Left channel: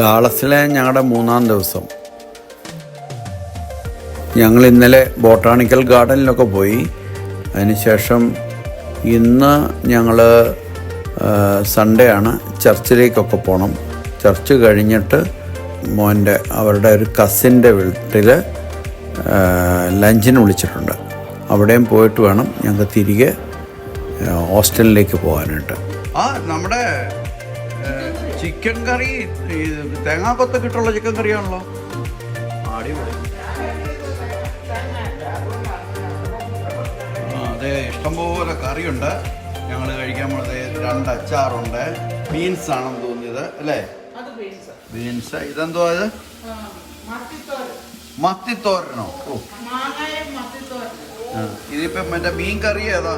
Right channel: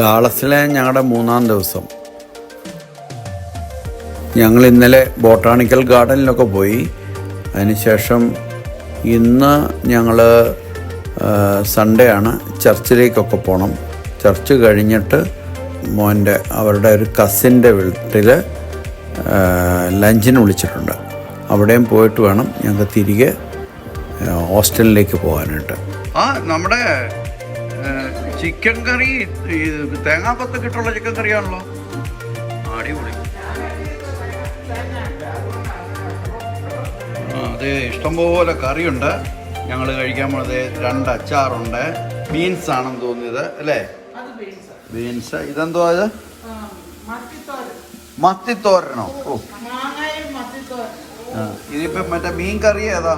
ഡാളസിലെ ഞങ്ങളുടെ 3-ാം ദിവസം. ഞങ്ങൾ ഇന്നലെ ബോട്ടാണിക്കൽ ഗാർഡനിലൊക്കെ പോയി. അതിനുശേഷം ഇന്ന് ഞങ്ങൾ സൺഡേ ആണ്, ചർച്ചിലേക്കൊക്കെ പോകണം. ചർച്ച് കഴിഞ്ഞിട്ട് അവരുടെ ഒരു കസിൻ്റെ വീട്ടിൽ ലഞ്ചിന് വിളിച്ചിട്ടുണ്ട്. അവിടെയും പോയിട്ട് വേണം ഞങ്ങൾക്ക് തിരികെ ഹോസ്റ്റലിലേക്ക് പോകാനായിട്ട്. നമ്മുടെ ചിക്കൻ കറി തേങ്ങാക്കൊത്തൊക്കെ ഇട്ടുള്ള ചിക്കൻ കറിയാണല്ലോ. അടിപൊളി. അതെ, ഇഷ്ടംപോലെ കറിയുണ്ട്. ഞങ്ങൾ കഴിക്കാൻ പോണത് 2 അച്ചാറുണ്ട്. ബീൻസ് ആണെന്ന് തോന്നിയത് അല്ലേ? ബീൻസ്. ഇതെന്തോ അത്? മത്തിത്തോരനോ? ഓ, ഇതിപ്പം മറ്റേ മീൻ കറി ഏതാ?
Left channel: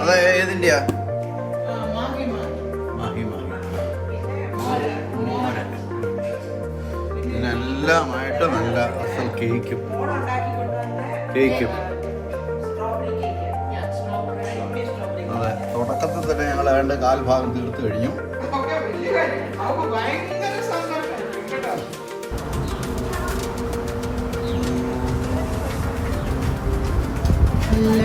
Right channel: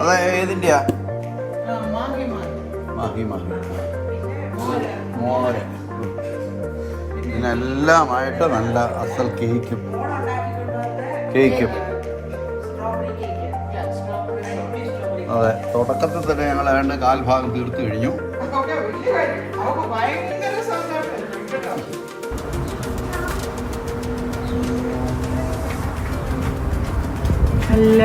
അതാ ഏതിൻ്റെയാ? മോര്. ഇതിനെല്ലാമായിട്ട് നല്ല അസൽ കേക്കും. അതെ, തുടക്കത്തിൽ തന്നെ ഞങ്ങൾ ഏതാണ്ട് 1/4 ഭാഗം തീർത്ത് കഴിഞ്ഞു. നല്ല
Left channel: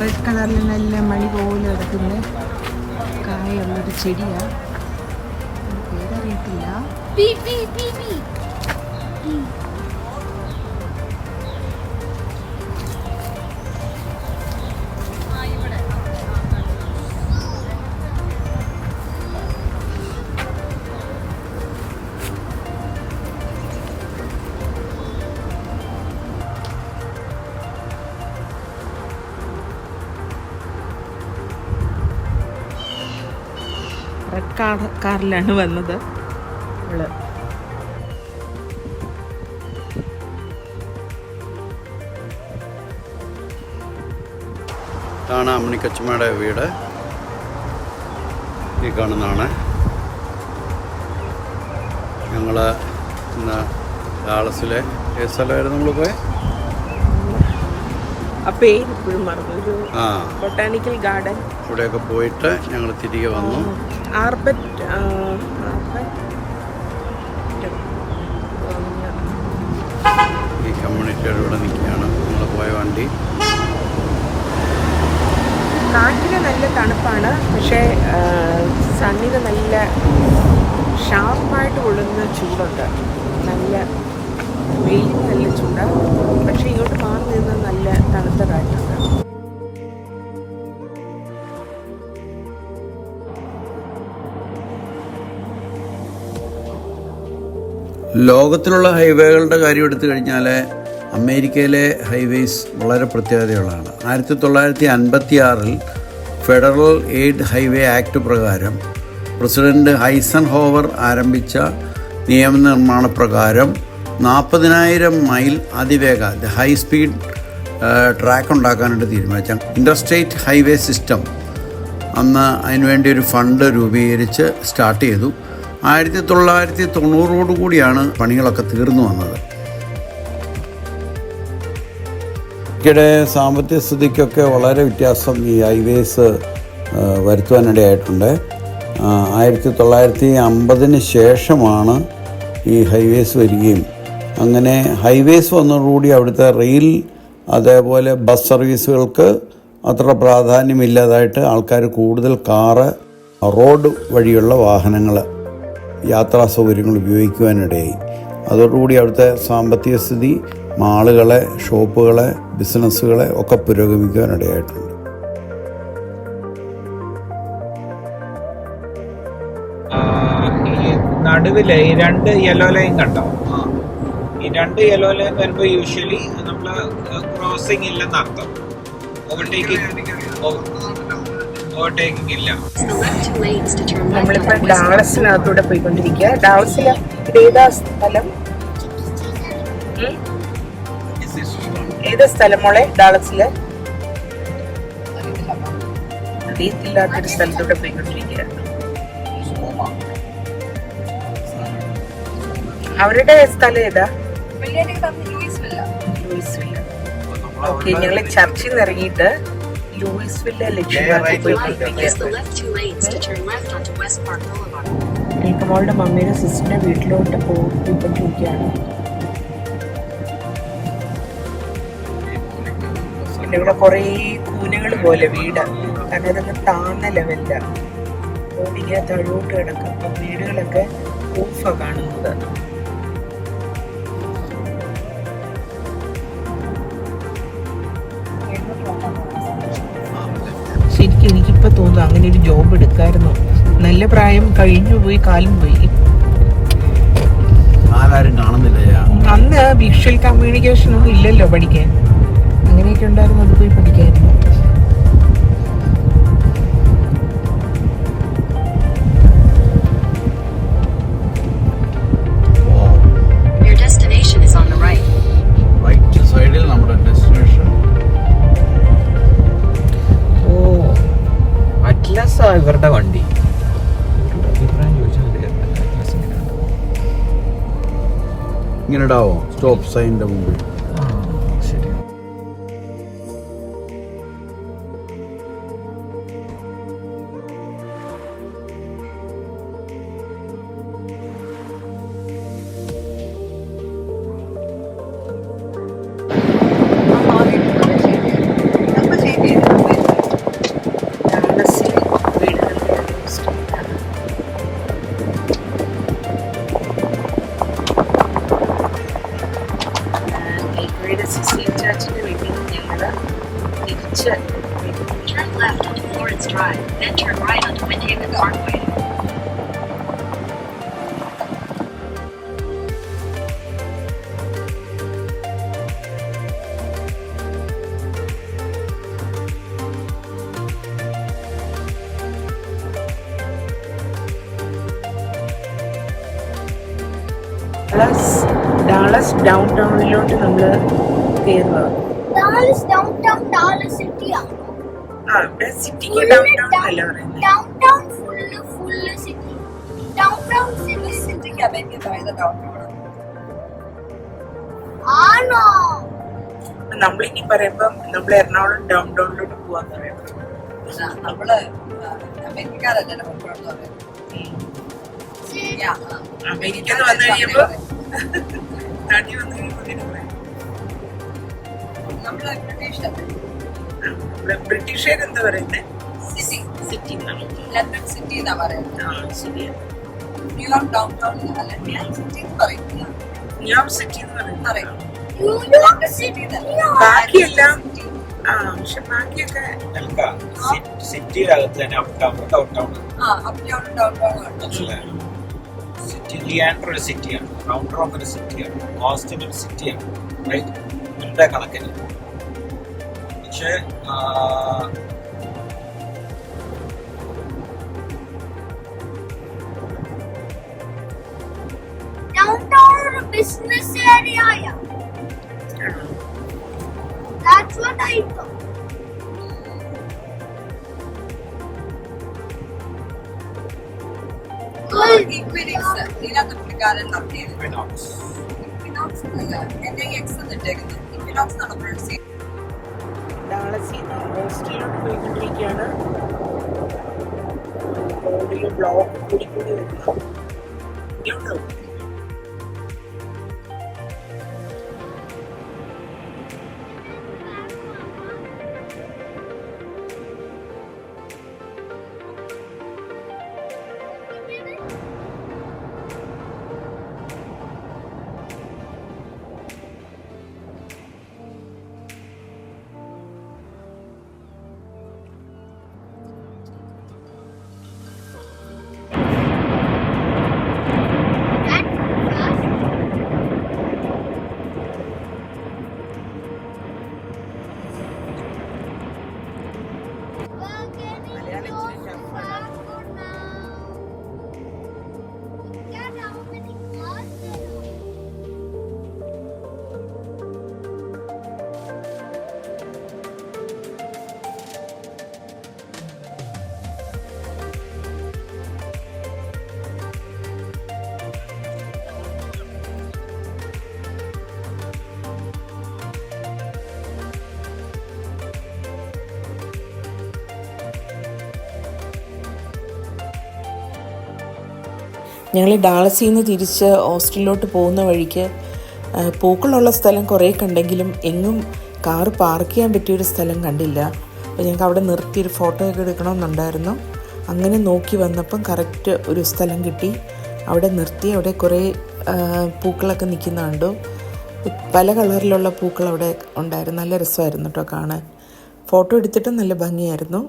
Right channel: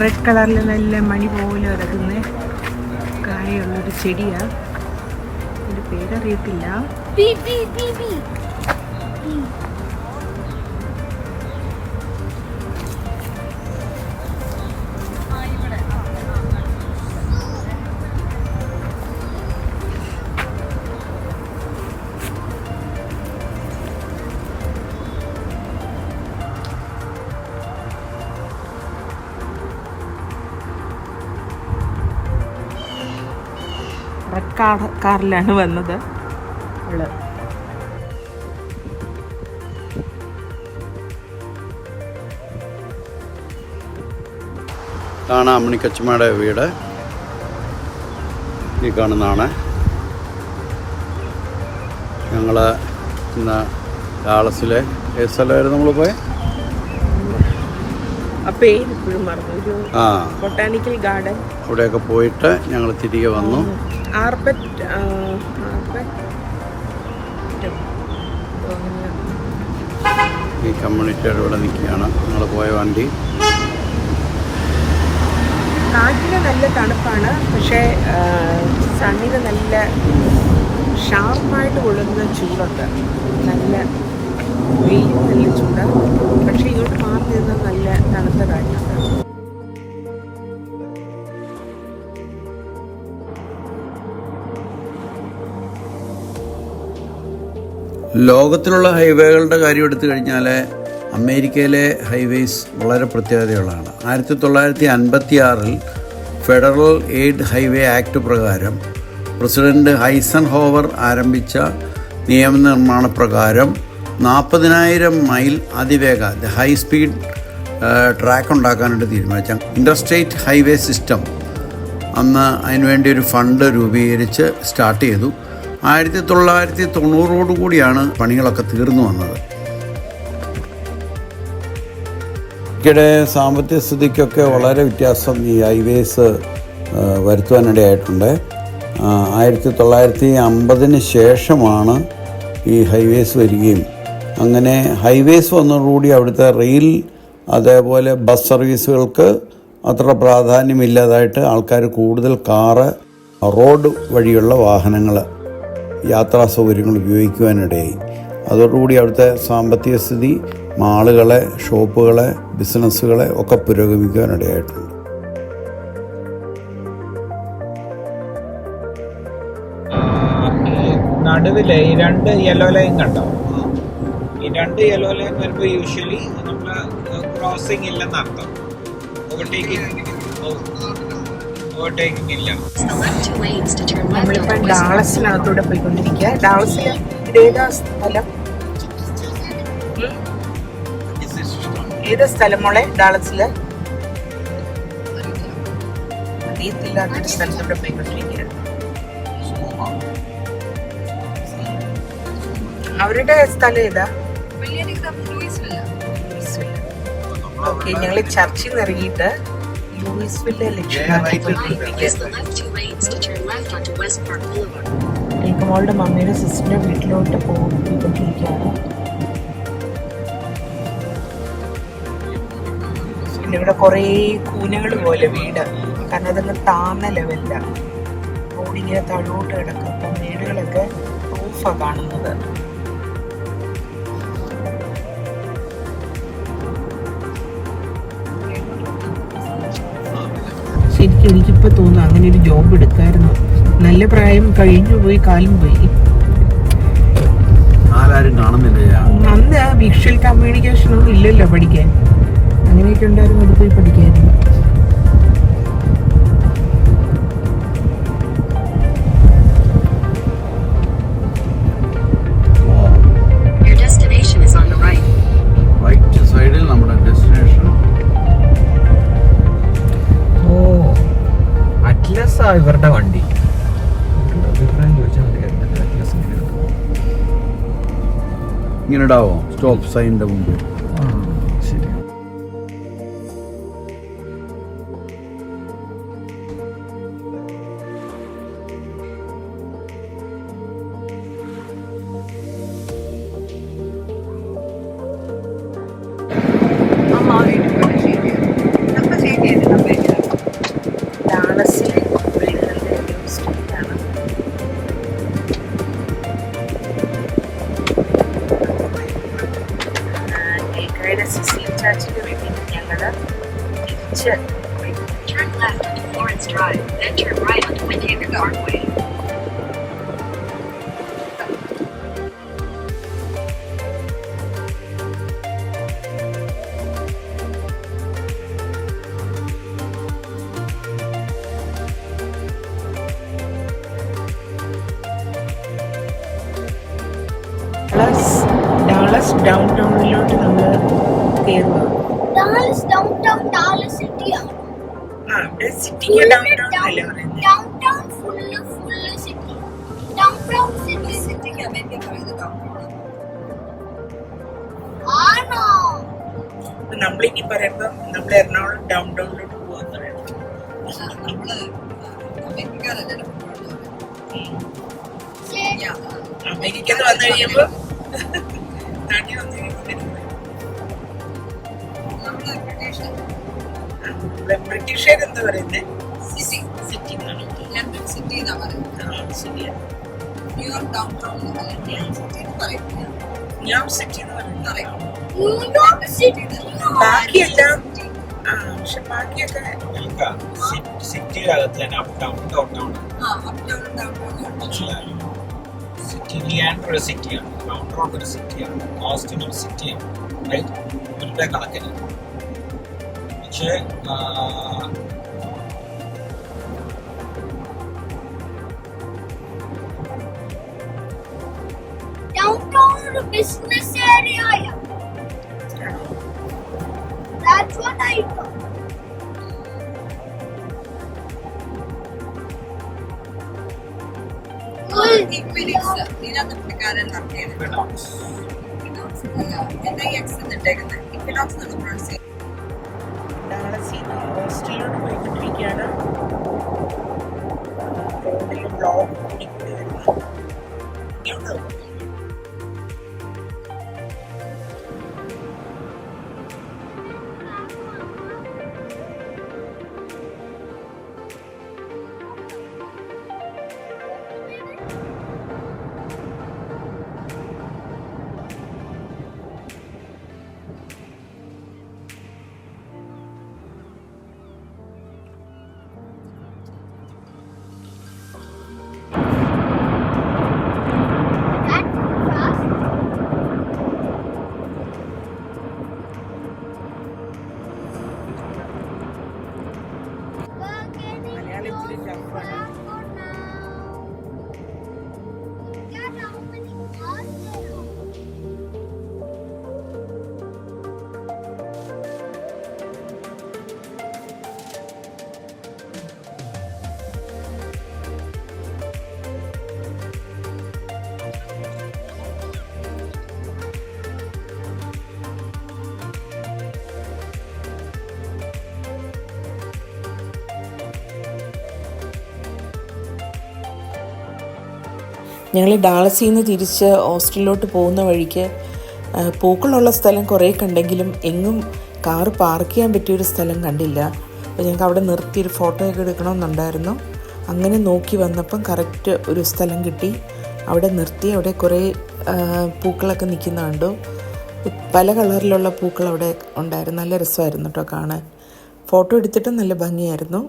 റെഡ് കളറിൽ നല്ല മണി പോലെ കിടക്കുന്ന കായുള്ളൊരു ചെടിയാണ്. അതിൻ്റെ പേരറിയത്തില്ല. റെഡ് കാറിലാണ് വന്നത്. ഇതാണ് അമ്മിണിക്കച്ചമ്മയുടെ വീട്. ഈ കാണുന്നതാണ്. ഞങ്ങൾ ഇന്ന് ഡാളസിലെ ഏത് സ്ഥലമായിരുന്നു നമ്മൾ പോയത്? Botanical garden. ഇവിടെയൊക്കെ പോയിട്ട് ഞങ്ങൾ തിരികെ വന്നു. ഈ കമ്മ്യൂണിറ്റിയുടെ ഇവിടെ നിൽക്കുകയാണ് ഞങ്ങൾ പോയ വണ്ടി. കാറ്റിന് നല്ല തണുപ്പാണ്, പക്ഷേ സണ്ണിന് നല്ല ഷാർപ്പായിട്ട് കൊള്ളുന്ന ചൂടുണ്ട്. നല്ല വെയിലും നല്ല ചൂടാണ്, പക്ഷേ ഇങ്ങോട്ട് മാറി നിന്നാൽ നല്ല തണുത്ത കാറ്റുണ്ട്. ലോകത്തിലുള്ള ഹൈവേകളുടെ കാര്യം എടുത്തു കഴിഞ്ഞാൽ അമേരിക്കയിലെ ഹൈവേസ് വളരെ പ്രത്യേകതയുള്ളതാണ്. 1956 ഫെഡറൽ എയ്ഡ് ഹൈവേ ആക്ട് പ്രകാരം പ്രസിഡന്റ് ഐസൻഹോവർ ആരംഭിച്ച നിയമനിർമ്മാണ പ്രകാരം 40,000 മൈൽ അതിവേഗ ഹൈ സ്പീഡ് ട്രാക്ക് ഉണ്ടാക്കാനായിട്ട് തീരുമാനിച്ച ഇൻ്റർസ്റ്റേറ്റ് ഹൈവേ സിസ്റ്റം അന്ന് അതിനുവേണ്ടി ഒരു ഫണ്ട് രൂപീകരിച്ച് സ്റ്റാർട്ട് ചെയ്തു. 1990 പണികളൊക്കെ തീർന്നു വന്നത്. ഇടയ്ക്കിടെ സാമ്പത്തിക സ്ഥിതിക്കൊക്കെ വളരെ വ്യത്യാസം ഈ ഹൈവേസ് വരുത്തുവാനിടയായിട്ടുണ്ട്. 1950 ശേഷമാണ് ഈ ഹൈവേസ് വരികയും അങ്ങനെ ഹൈവേസ് വന്നതോടുകൂടി അവിടുത്തെ റെയിൽ അതേപോലെ ബസ് സർവീസുകൾക്ക് അത്ര പ്രാധാന്യമില്ലാതായിട്ട് ആൾക്കാർ കൂടുതൽ കാറ്, റോഡ് വഴിയുള്ള വാഹനങ്ങൾ, യാത്രാ സൗകര്യങ്ങൾ ഉപയോഗിക്കുവാനിടയായി. അതോടുകൂടി അവിടുത്തെ സാമ്പത്തിക സ്ഥിതി, മാളുകളെ, ഷോപ്പുകളെ, ബിസിനസ്സുകളെ ഒക്കെ പുരോഗമിക്കുവാനിടയായിട്ടുണ്ട്. നടുവില് ഈ 2 യെല്ലോ ലൈൻ കണ്ടോ? ഈ 2 യെല്ലോ ലൈൻ വരുമ്പോൾ യൂഷ്വലി നമ്മൾ ക്രോസിംഗ് ഇല്ലെന്ന് അർത്ഥം. ഓവർടേക്കിംഗ് ഇല്ല. നമ്മളിപ്പോൾ ഡാളസിനകത്തൂടെ പോയിക്കൊണ്ടിരിക്കുക. ഡാളസിൽ ഇതേതാ സ്ഥലം? ഏത് സ്ഥലം മോളെ? ഡാളസില് അറിയത്തില്ലാത്തൊരു സ്ഥലത്തൂടെ പോയിക്കൊണ്ടിരിക്കുകയാണ്. അവരുടെ സ്ഥലം ഏതാ? ഓക്കെ, ഞങ്ങൾ ചർച്ചിൽ നിന്ന് ഇറങ്ങിയിട്ട് ലൂയിസ്വില്ലെ ലക്ഷ്യമാക്കി പോയിക്കൊണ്ടിരിക്കുക. നീക്കമോളുടെ മമ്മിയുടെ സിസ്റ്ററിന്റെ വീട്ടിലോട്ട് പോയിക്കൊണ്ടിരിക്കുകയാണ്. പിന്നെ ഇവിടെ കുറേ കൂനകൾ പോലെ വീട്, കാരണം അതങ്ങ് താന്ന ലെവലിലാണ്. റോഡിങ്ങനെ താഴോട്ട് കിടക്കും. അപ്പം വീടുകളൊക്കെ റൂഫാണ് കാണുന്നത്. ശരിക്കും എനിക്കിപ്പോൾ തോന്നുന്നു അങ്ങനെ ഒരു ജോബ് എടുക്കായിരുന്നു. നല്ല പ്രായം കഴിഞ്ഞു പോയി, കാലും പോയി. ആരും കാണുന്നില്ല. അന്ന് ആ വിഷ്വൽ കമ്മ്യൂണിക്കേഷൻ ഒന്നും ഇല്ലല്ലോ പഠിക്കാൻ. അങ്ങനെയൊക്കെ ഉണ്ടായിരുന്നു, അത് പോയി പഠിക്കായിരുന്നു. റൈറ്റ് സൈഡിൽ നമ്മുടെ ഡെസ്റ്റിനേഷൻ. അറ്റ്ലസ് ആ ഇവരുടെ വണ്ടി. ഇങ്ങനെ ഇടാവോ സ്റ്റോപ്പ് സൈനിന്റെ മുമ്പ്? ശരി. ചാച്ചിന്റെ വീട്ടിൽ ഞങ്ങള് തിരിച്ച് Turn left onto Florence Drive, then turn right onto Winnebago Parkway. Dallas ഡൗൺ ടൗണിലോട്ട് നമ്മൾ കയറുക. Dallas downtown, Dallas city. ഇവിടെ സിറ്റിക്ക് ഡൗൺ ടൗൺ അല്ലേ പറയുന്നത്? Downtown full city. Downtown city American പറയുന്നത് downtown. ആണോ? നമ്മളിനി പറയുമ്പോ നമ്മൾ എറണാകുളം ഡൗൺ ടൗണിലോട്ട് പോവാന്ന് പറയണം. നമ്മള് അമേരിക്കക്കാരല്ലേ അമേരിക്ക വന്നു കഴിയുമ്പോ നാട്ടിൽ വന്നു കഴിയുമ്പോ നമ്മള് ബ്രിട്ടീഷുകാർ എന്താ പറയുന്നത്? സിറ്റി സിറ്റി ലണ്ടൻ സിറ്റി എന്നാ പറയുന്നത്. ശരിയാ. ന്യൂയോർക്ക് ഡൗൺ ടൗൺ അല്ല ന്യൂയോർക്ക് സിറ്റി എന്ന് പറയും. ന്യൂയോർക്ക് സിറ്റി എന്ന് പറയുന്നത് അറിയാം. New York city. ബാക്കിയെല്ലാം പക്ഷെ ബാക്കിയൊക്കെ സിറ്റിയിലകത്ത് തന്നെ up town down town. Up town down town city Leander ഒരു സിറ്റിയാണ്, റൗണ്ട് റോക്ക് ഒരു സിറ്റിയാണ്, ഓസ്റ്റിൻ ഒരു സിറ്റിയാണ്. റൈറ്റ്, ഇവരുടെ കണക്കിന്. പക്ഷേ Downtown ഒരു business area. That's what I thought. Equinox ഇതിനകത്ത് പുള്ളിക്കാരൻ നടത്തിയത്. ഇക്വിനോക്സ് അല്ല, NIX എന്നിട്ടേക്കുന്നത് ഇക്വിനോക്സ് എന്നാണ് പ്രൊണൗൺസ് ചെയ്യുന്നത്. ഡാളസിന്ന് ഓസ്റ്റിലോട്ട് പോയിക്കൊണ്ടിരിക്കുകയാണ്. റോഡിൽ ബ്ലോക്ക് കൂടി വരുന്നു. ഇങ്ങോട്ടോ ഞങ്ങൾ ഡാളസിൽ നിന്ന് തിരിച്ച് ഓസ്റ്റിനിലോട്ട് പോകുന്ന വഴിക്ക് പൂക്കളുള്ള സ്ഥലം കുറേ കണ്ടെങ്കിലും എങ്ങും കാറ് പാർക്ക് ചെയ്യാൻ പറ്റിയൊരു സ്ഥലം കണ്ടില്ല. അപ്പോൾ ഞങ്ങൾക്ക് അവിടെ നിർത്തിയൊരു ഫോട്ടോയൊക്കെ എടുക്കണമെന്നുണ്ടായിരുന്നു. അങ്ങനെ നോക്കി വന്നപ്പം കറക്റ്റ് ഒരു സ്ഥലം കിട്ടി. അവിടെ നിർത്തി. അവിടെ കുറേ പൂക്കളൊക്കെ നിൽക്കുന്ന കണ്ടു. പല കളറിലുള്ള പൂക്കൾ അവിടെ ഉണ്ടായിരുന്നു. നല്ല രസമായിരുന്നു കേട്ടോ കാണാൻ. ഫോട്ടോ എടുത്തിട്ട് നല്ല ഭംഗിയായിരുന്നു.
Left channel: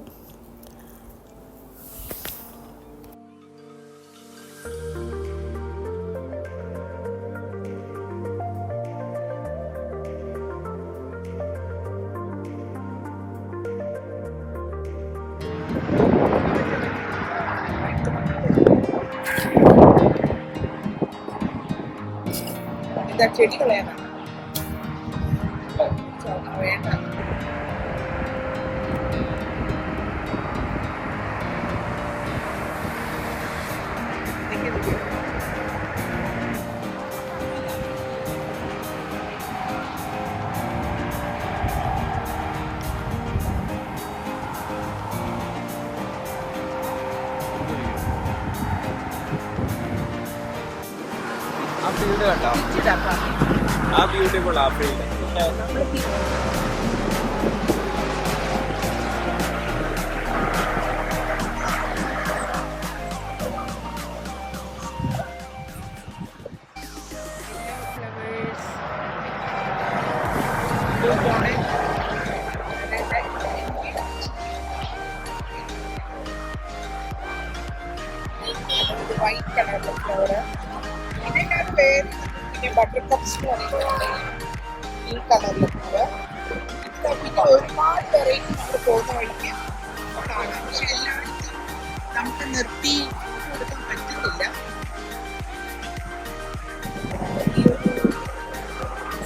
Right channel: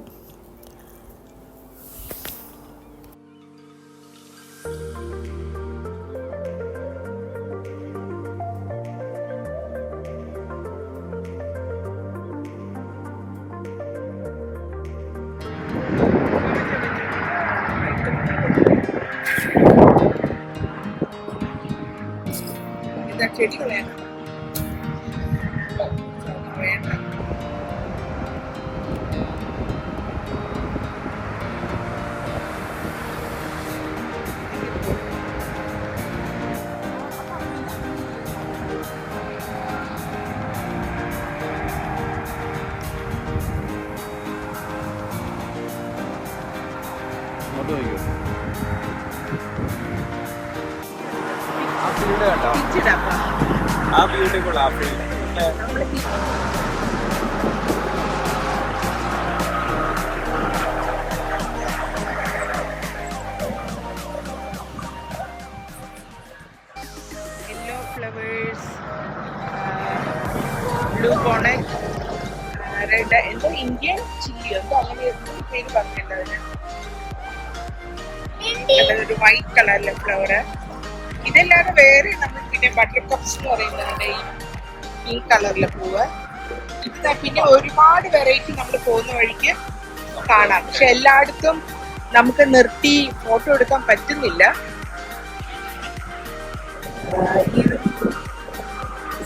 ഇതാ ചെടികളാണ് വേണ്ട. ആ ഫീൽഡ് കണ്ടോ? ആ ബ്യൂട്ടിഫുൾ ആ field. Yellow flowers, blue bonnet, red, എന്തോ ഇന്ത്യൻ ചില്ലി എന്തോ അങ്ങനെ പേര് പറഞ്ഞിട്ടുണ്ടാവില്ല. അതൊരു വൈറ്റ് കളറിലെ ഫ്ലവർ. ഇതല്ലാതെ വേറെ നമ്മൾ പിന്നെ ബട്ടർ കപ്സ് എന്ന് പറയുന്നുണ്ട്, ഈ കളറിലെ പൂവ്. ഇത് പിന്നെ ഒരുപാട് വെറൈറ്റി നമ്മൾ പോകുന്ന വഴിക്ക് കാണാം. പക്ഷെ എല്ലായിടത്തും നമുക്ക് നിർത്തി ഫോട്ടോ എടുക്കാൻ പറ്റുന്നില്ല.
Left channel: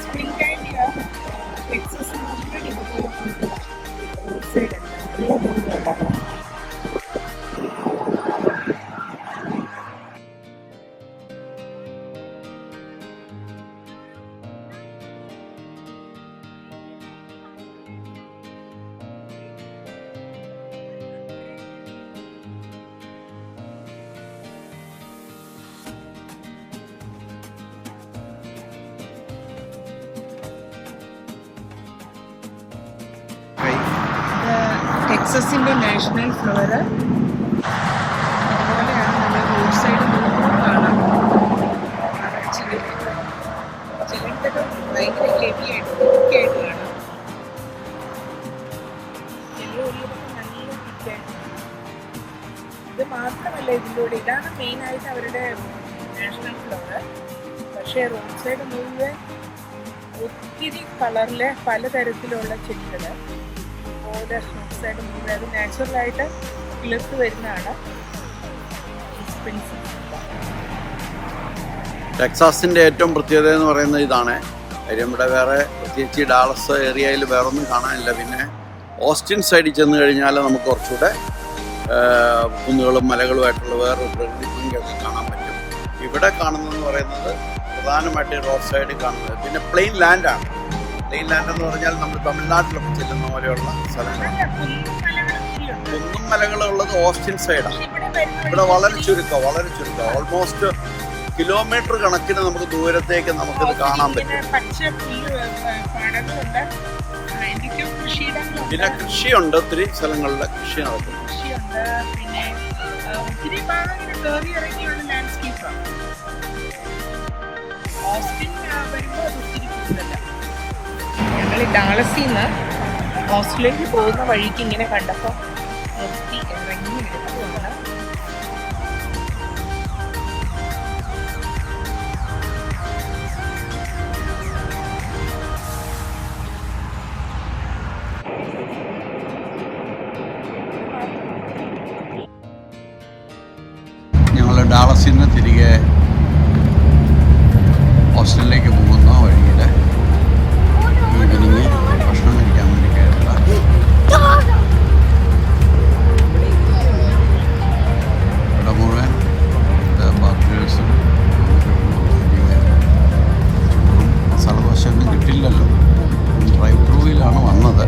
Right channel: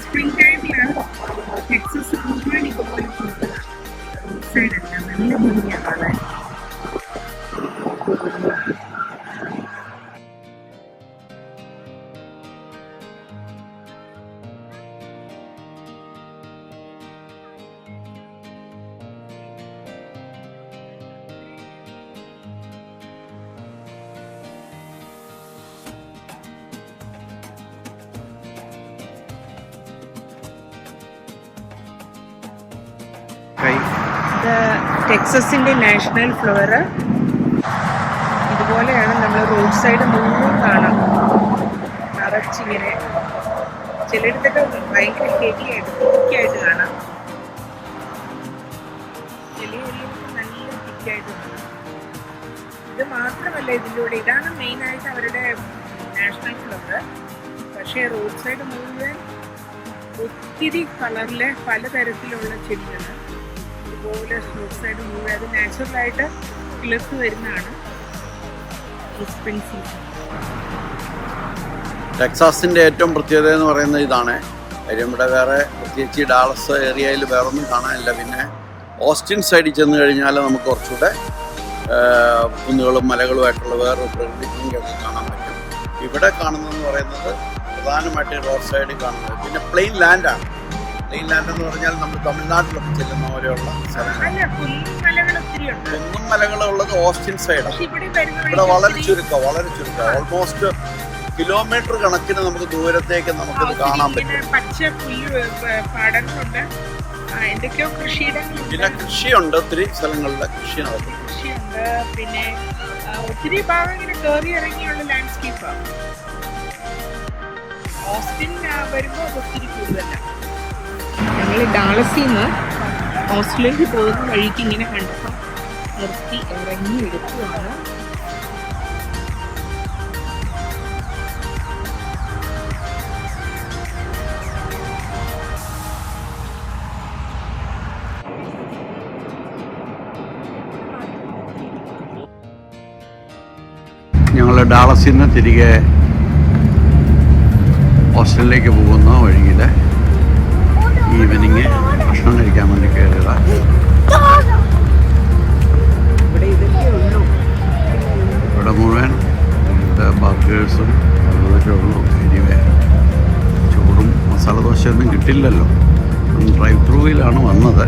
സ്പ്രിംഗ് ടൈമില് ടെക്സസ് മുഴുവൻ ഇതുപോലെ പൂക്കളാണ്. സൈഡല്ല നല്ല ഭംഗിയാണ് കാണാൻ. ഇത് ടെക്സസിൻ്റെ നാഷണൽ ഫ്ലവർ. ഇതുപോലെയാണ് നമ്മൾ റോഡ് സൈഡ് മുഴുവൻ കാണാം. നിറച്ചിങ്ങനെ ചിലയിടത്തൊക്കെ ഭയങ്കര ഹെവിയായിട്ട് തിക്കായിട്ട് കാണാം. ചിലയിടത്ത് നല്ല തിക്കായിട്ട് കാണാം. ഇത് മാത്രമല്ല ഇതിൻ്റെ കൂടെ ഇതാണ് മെയിനായിട്ട് അവരുടെ നാഷണൽ ഫ്ലവർ. പക്ഷേ റോഡ് സൈഡ് മുഴുവൻ ഒത്തിരി കളറിലെ പലതരത്തിലുള്ള ചെടികൾ ഇതുപോലെ റോഡ് സൈഡ് മുഴുവൻ അത് നാച്ചുറലായിട്ട് കിളിർത്ത് വരുന്നതാണ് ഈ സ്പ്രിംഗ് സീസൺ. ടെക്സാസിൻ്റെ ഏറ്റവും പ്രത്യേകത എന്ന് പറയുന്നത് ഇതാണ്. കാര്യം ഇവിടെ വേറെ പ്രത്യേകിച്ച് ഡാളസ് ഏരിയയിൽ വേറൊന്നും കാണാനില്ല. പിന്നെ ഓസ്റ്റിൻ സൈഡിൽ ചെന്ന് കഴിഞ്ഞാൽ നമുക്ക് കുറച്ചുകൂടെ കുന്നുകളും മലകളുമായിട്ടുള്ള വേറൊരു പ്രകൃതി ഭംഗിയൊക്കെ കാണാൻ പറ്റും. ഇവിടെ കാണുന്നതെന്ന് പറയുന്നത് പ്രധാനമായിട്ട് റോഡ് സൈഡിൽ കാണുന്നത് പിന്നെ പ്ലെയിൻ ലാൻഡാണ്. പ്ലെയിൻ ലാൻഡ് എന്ന് പറഞ്ഞാൽ നമ്മൾ തമിഴ്നാട്ടിലൊക്കെ ചെല്ലുന്ന പോലെയുള്ള സ്ഥലങ്ങളാണ്. കുന്നും മലകളുള്ളത് ഓസ്റ്റിൻ സൈഡാണ്. ഇവിടെ വളരെ ചുരുക്കം ഓൾമോസ്റ്റ് കിലോമീറ്റർ കണക്കിന് നമുക്ക് ദൂരത്തേക്ക് നമുക്കിത് കാണാൻ പറ്റും. പിന്നെ കൃഷിയുണ്ട്, ഒത്തിരി സ്ഥലങ്ങളിലെ കൃഷി നടക്കും. പിന്നെ ഒത്തിരി ഭാഗം ഇങ്ങനെ കയറി ഇറങ്ങിയുള്ള ലാൻഡ്സ്കേപ്പാണ്. ഓസ്റ്റിൻ വരുമ്പോൾ അത് ഒത്തിരി കൂടുതലാണ്. ഞങ്ങൾ ഡാളസിൽ നിന്ന് ഓസ്ട്രേലിയയിൽ പോകുന്ന വഴിക്ക് ഇങ്ങനെ കണ്ടപ്പോൾ നിർത്തി ഇറങ്ങി എടുക്കുന്നതാണ്. ഞങ്ങൾ ഡാളസിൽ നിന്ന് തിരികെ ഓസ്ട്രേലിയയിലേക്ക് പോകുന്ന വഴിയിൽ ഈവനിങ് ഭക്ഷണം കഴിക്കാൻ വേണ്ടി കയറിയതാണ്. ഇവിടെ മുഴുവൻ ബർഗേഴ്സും ചോറും മസാല ദോശയൊന്നും കിട്ടില്ലല്ലോ. ഡ്രൈവ് ത്രൂവിലാണ് വന്നത്.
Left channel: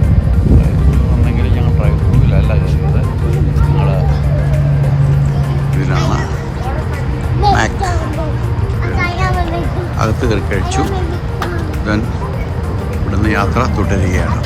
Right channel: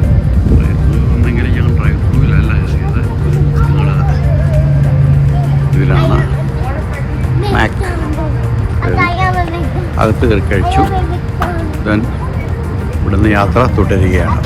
ഒന്നെങ്കിൽ ഞങ്ങൾ ഡ്രൈവ് ത്രൂവിലല്ല ചെയ്തത്. ഞങ്ങൾ ഇതിലാണ് മാക് അകത്ത് കയറി കഴിച്ചു. ദെൻ ഇവിടുന്ന് യാത്ര തുടരുകയാണ്.